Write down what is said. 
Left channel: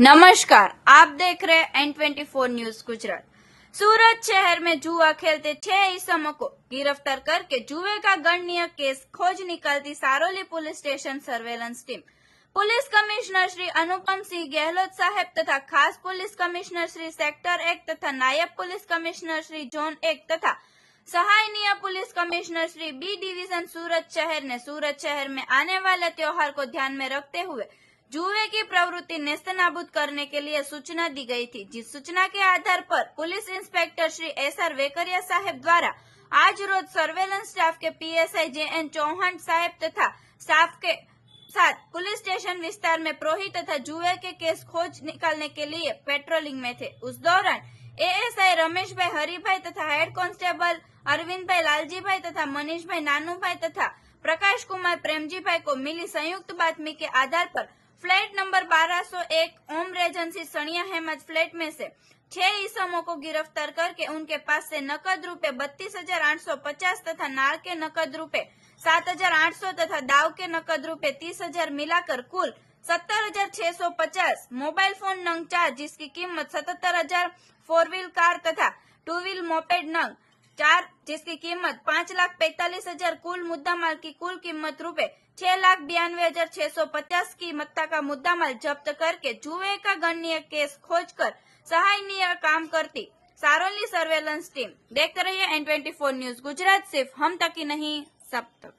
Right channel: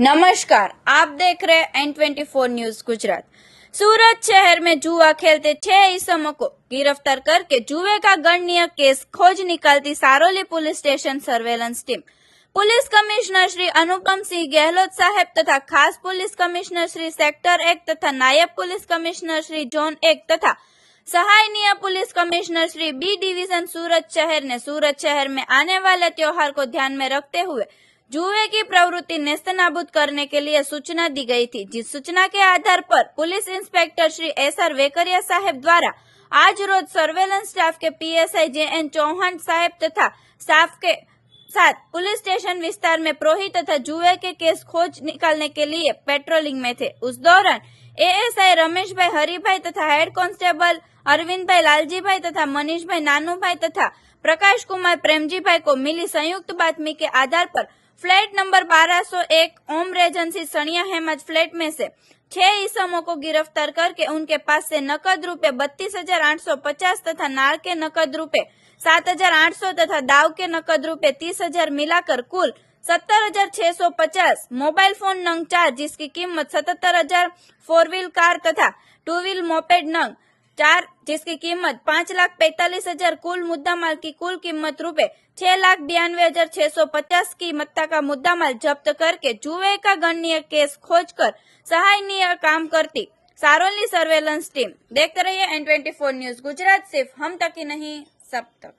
नमस्कार, आप देख रहे हैं N24 न्यूज गुजरात। सूरत शहर में जुआ खेलते 6 इस्मों को गिरफ्तार करके जुए का गणनीय केस खोज निकालती Saroli police station surveillance team. Police commissioner Shri Anupam Singh Gahlot saheb तथा खास पुलिस कमिश्नर श्री सेक्टर 1 तथा नायब पुलिस कमिश्नर श्री जोन 1 तथा सहायनीय police commissioner Shri B division Surat शहर ने सूरत शहर में आने वाले त्योहार को ध्यान में रखते हुए जुए की प्रवृत्ति नेस्तनाबूद करने के लिए सूचना दी गई थी, जिस सूचना के आधार पर police inspector Shri SR Vekaria saheb द्वारा आज रोज सर्वेलेंस स्टाफ के पीएसआई जेएन चौहान साहेब तथा स्टाफ के साथ पुलिस स्टेशन विस्तार में प्रोही तथा जुए के केस खोज निकालने के लिए पेट्रोलिंग में थे। उस दौरान एएसआई रमेश भाई हरिभाई तथा हेड कांस्टेबल अरविंद भाई लालजी भाई तथा मनीष भाई नानू भाई तथा प्रकाश कुमार प्रेमजी भाई को मिली संयुक्त बातमी के आधार पर फ्लैट नंबर 1201 ओम रेजेंसी सनिया हेमज फ्लैट में से 6 इस्मों को गिरफ्तार करके उनके पास से नकद रुपए 32,850 तथा नार के नकद रुपए 7,800 तथा दाव के नकद रुपए 30,000 मिलाकर कुल 70,650, मोबाइल फोन नंग 4 जिसकी कीमत 77,000, 4 व्हील कार तथा 2 व्हील मोपेड नंग 4 जिसकी कीमत 5,45,000, कुल मुद्दामाल की कुल कीमत रुपए 6,92,650 की मत्ता का मुद्दामाल जब्त करके जुए का गणनीय केस खोजकर सहायनीय काम करती सारोली सर्वेलेंस टीम। देखते रहिए N24 न्यूज गुजरात, सिर्फ हम तक ही नहीं सब तक।